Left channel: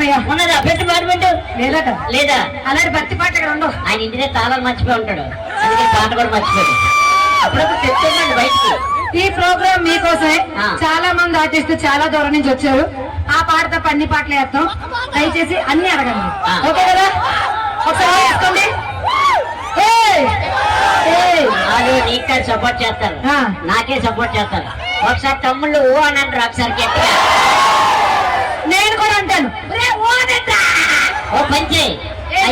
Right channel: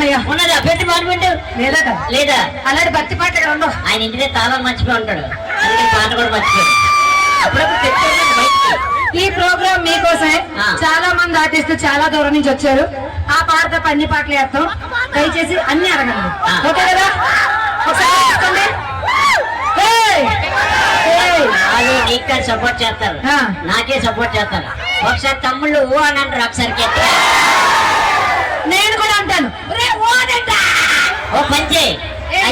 అమ్మయ్య ఉన్నదా పెట్టి పాడుకుంటూ లేదా లేదా అలాంటి భక్తి పాట ఇక్కడ ఉండవు. ఆయన ఇంటినే తాళం మర్చిపోయి ఉంటాడు, అందుకే పాట కూడా మర్చిపోయాడు. అప్పుడప్పుడు తెచ్చుకోండి బయటికి. ఈ ప్రోగ్రామ్ మీకోసమే. చాలా మంది ఆర్టిస్టులు చాలా దూరం నుంచి వచ్చారు. ఆ పాట తప్ప అన్ని పాటలు వేస్తాం. దయచేసి అన్ని అడగండి, ఓకే కదా? ఒకసారి వేసుకోండి. నీకే సపోర్ట్ చేస్తారు, నాకే సపోర్ట్ చేస్తారు. ఒకసారి తమ్ముళ్ళు ఓ అని అంటారు, ఒకసారి గట్టిగా నేను కూడా అంటాను. ఓ పంచే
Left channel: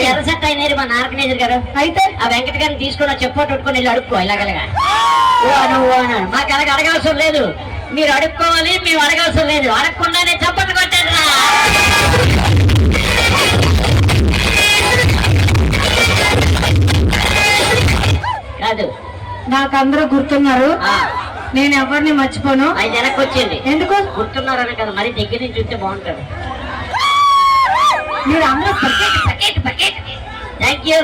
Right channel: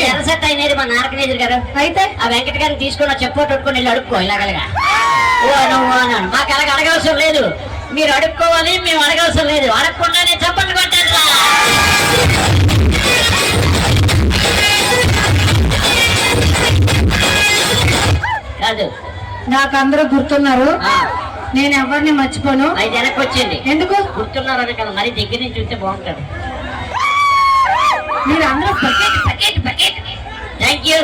ఎర్రసెట్ అయినది మా నారకనేజర్ గారు. అయితే ఆ వెంకట గారిని తీసుకుని చెప్పోటు కొట్టుకుని వెళ్ళి అడుక్కో ఇలాగలగా ఓ అన్నాడు. మాకు అలాగ అడగవసరం లేదు, మీరు అడుక్కోవాలి, మేము అడగవసరం లేదు. అడగకుండానే చప్పట్లు కొట్టారు. కాదు నాకు అందరూ గుర్తున్నారు, నేను ఎవరిని మర్చిపోను. అది వెనక్కి వచ్చింది. ఎందుకు గుర్తున్నారు అనక మరి దగ్గర నుంచి చూస్తే బాగుంటాడు. మీరు అందరూ థ్యాంక్ యూ.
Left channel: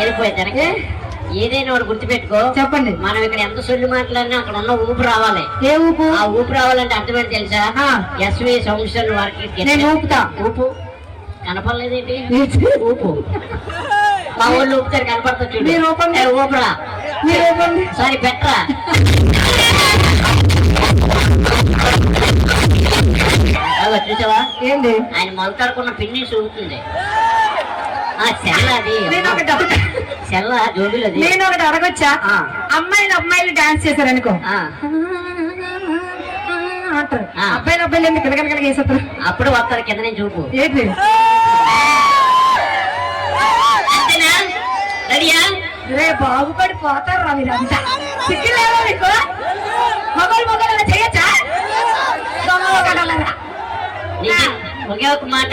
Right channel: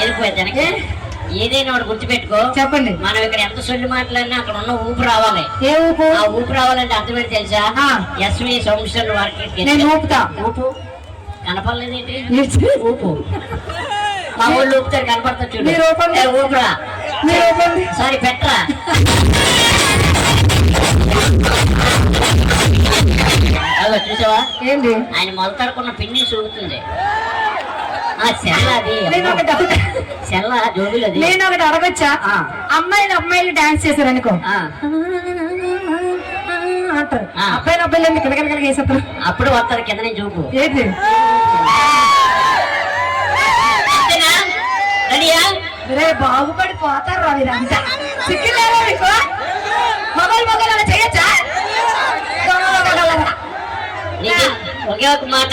వెళ్ళిపోయా వెనక్కి. ఏదైనా ఒకటి గుర్తుపెట్టుకో. చెప్పండి. మనం ఇక్కడ ఎంత సొల్లు మాట్లాడినా అక్కడ ఉన్న ఊపు రావాలి. ఏ ఊపు? ఆ ఊపు రావాలంటే అర్థమైంది తెలుసా? ఎస్వి సంవత్సరం వరకు నేను ఊపుతా. ఊపు కనపడలేదు ఏంటి? ఊపు మా ఊళ్ళు ఊపుతారు, కనపడతా చూడు. మీరు ఊపండి. ఊపురా, మీరు ఊపండి. సారీ పెట్టరా. చూసావా ఏంటి? ఆయన మొలతాడుకున్న పిన్ని చూపుతుంది. సెల్ల జోబులు. నేను ఒకటి అడగొచ్చా? అమ్మాయిలు డాన్స్ చేశారు అనుకో, అంటారు. అబ్బాయిలు కిలకలకలగా వేసేస్తారు. అప్పుడు వస్తారు కింద నుంచి చూపు. ఏంటి? రే బాగుపడి పోతారు రా మీరంతా. సిగ్గులేవో మీకు? మొగలు చేయొచ్చా? ఒకే ఒక మాట,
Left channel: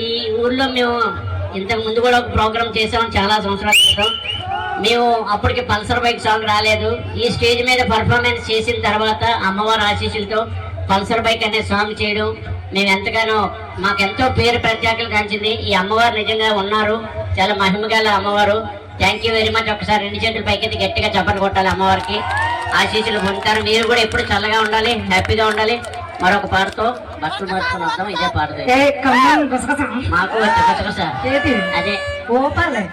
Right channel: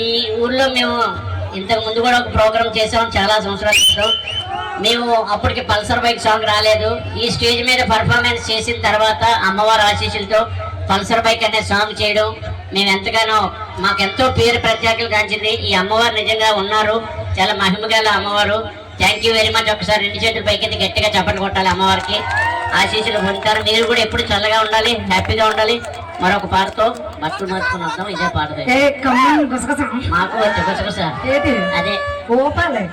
ఈ ఊర్లో మేము ఇంతకు ముందు కూడా ఒక ప్రోగ్రామ్ చేసాం చాలా సంవత్సరాల క్రితం. మేము అప్పటికి పల్సర్ బైక్ సాంగ్ రాలేదు. ఈ స్టేజ్ మీద పర్ఫార్మెన్స్ చేసిన తర్వాత అమ్మవారి ఆశీస్సులతో పల్సర్ బైక్ అనే సాంగ్ చేయడం మేము ఎంతగానో మాకెంతో పేరు ప్రత్యేకలు కాంచింది. ఈ అమ్మవారు నిజంగా ఉన్నారు, చాలా మహిమగల అమ్మవారు. Thank you very much. ఒకసారి 2 చేతులు పైకి గట్టిగా చప్పట్లు కొట్టాలి. అమ్మవారికి ఆశీస్సులు పొందుతారు. మీరు కూడా ఎప్పుడు చల్లగా ఉండాలి, హ్యాపీగా ఉండాలి. మరొక పాటతో బస్సులు మార్చుకుని వద్దాం. ఇదే పాడతాయి మాకు గుసగుస. అదే ఓపాలే.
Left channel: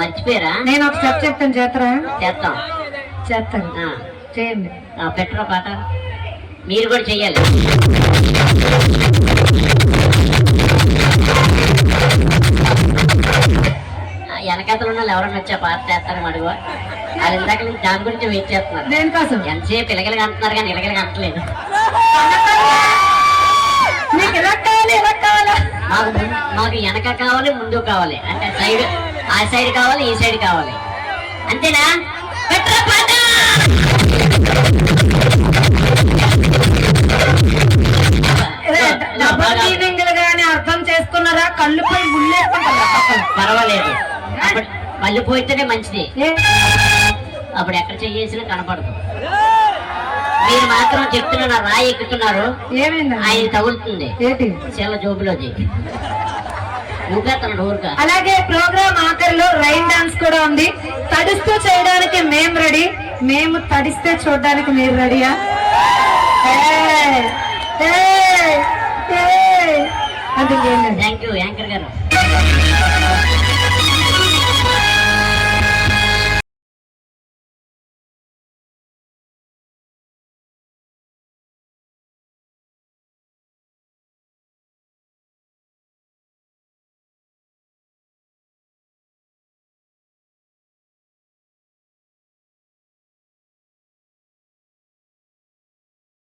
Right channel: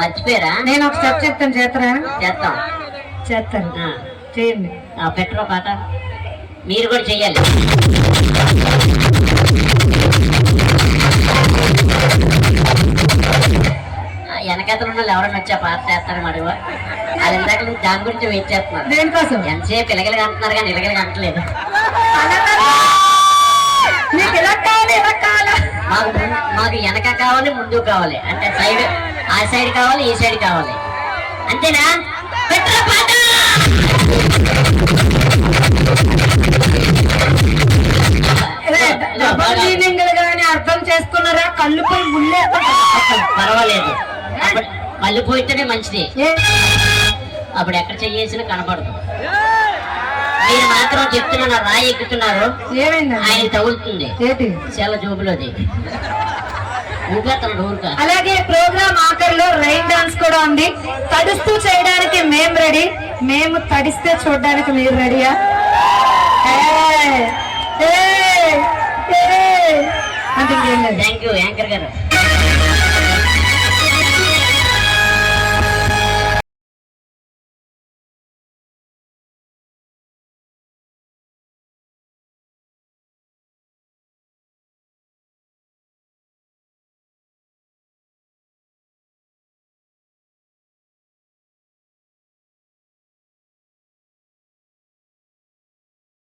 మర్చిపోయారా? నేను ఒక స్టెప్ చెప్తాను, చేస్తారా? చేస్తాను. చేయండి. పెట్టరా పాట, మీరు కూడా చెయ్యాలి. వెనకతలు ఉన్న ఎవరైనా వచ్చి ఆ పాట చేస్తారని అడుగు. అది ఇందాక నుంచి దాని గురించి వెయిట్ చేస్తున్నారు. దేనికోసం? ఎంతసేపు ఇలగలిగా అంటున్నారు కానీ ఇలగలిగా అంటలేదు. మాకు వెనక కావాలి, ముందు కావాలి. అంటే సైడ్, ఆ సైడ్ కావాలి, ఈ సైడ్ కావాలి. అంతేనా? పెట్టరా పాట. అర్థం చేసుకున్నారా? కళ్ళుపై పర్వాలేదు, కళ్ళు పోయితేనే మంచిది. అప్పుడు ఎక్కడ చెయ్యేసినా కనపడదు. మీరు మాత్రం చెప్తున్నా రాయి ఎక్కుతున్నారు. ఏమైంది? ఆయన తగులుతుంది చాలా జోబులోది. అలాగే ప్రోగ్రామ్ ఆఖరిలో రైన్ డాన్స్ కూడా ఉంది. తడుస్తూ చేయడానికి మేము రెడీ, మేము తడిస్తే చూడడానికి మీరు రెడీయా? థ్యాంక్ యూ యాంకర్ గారు.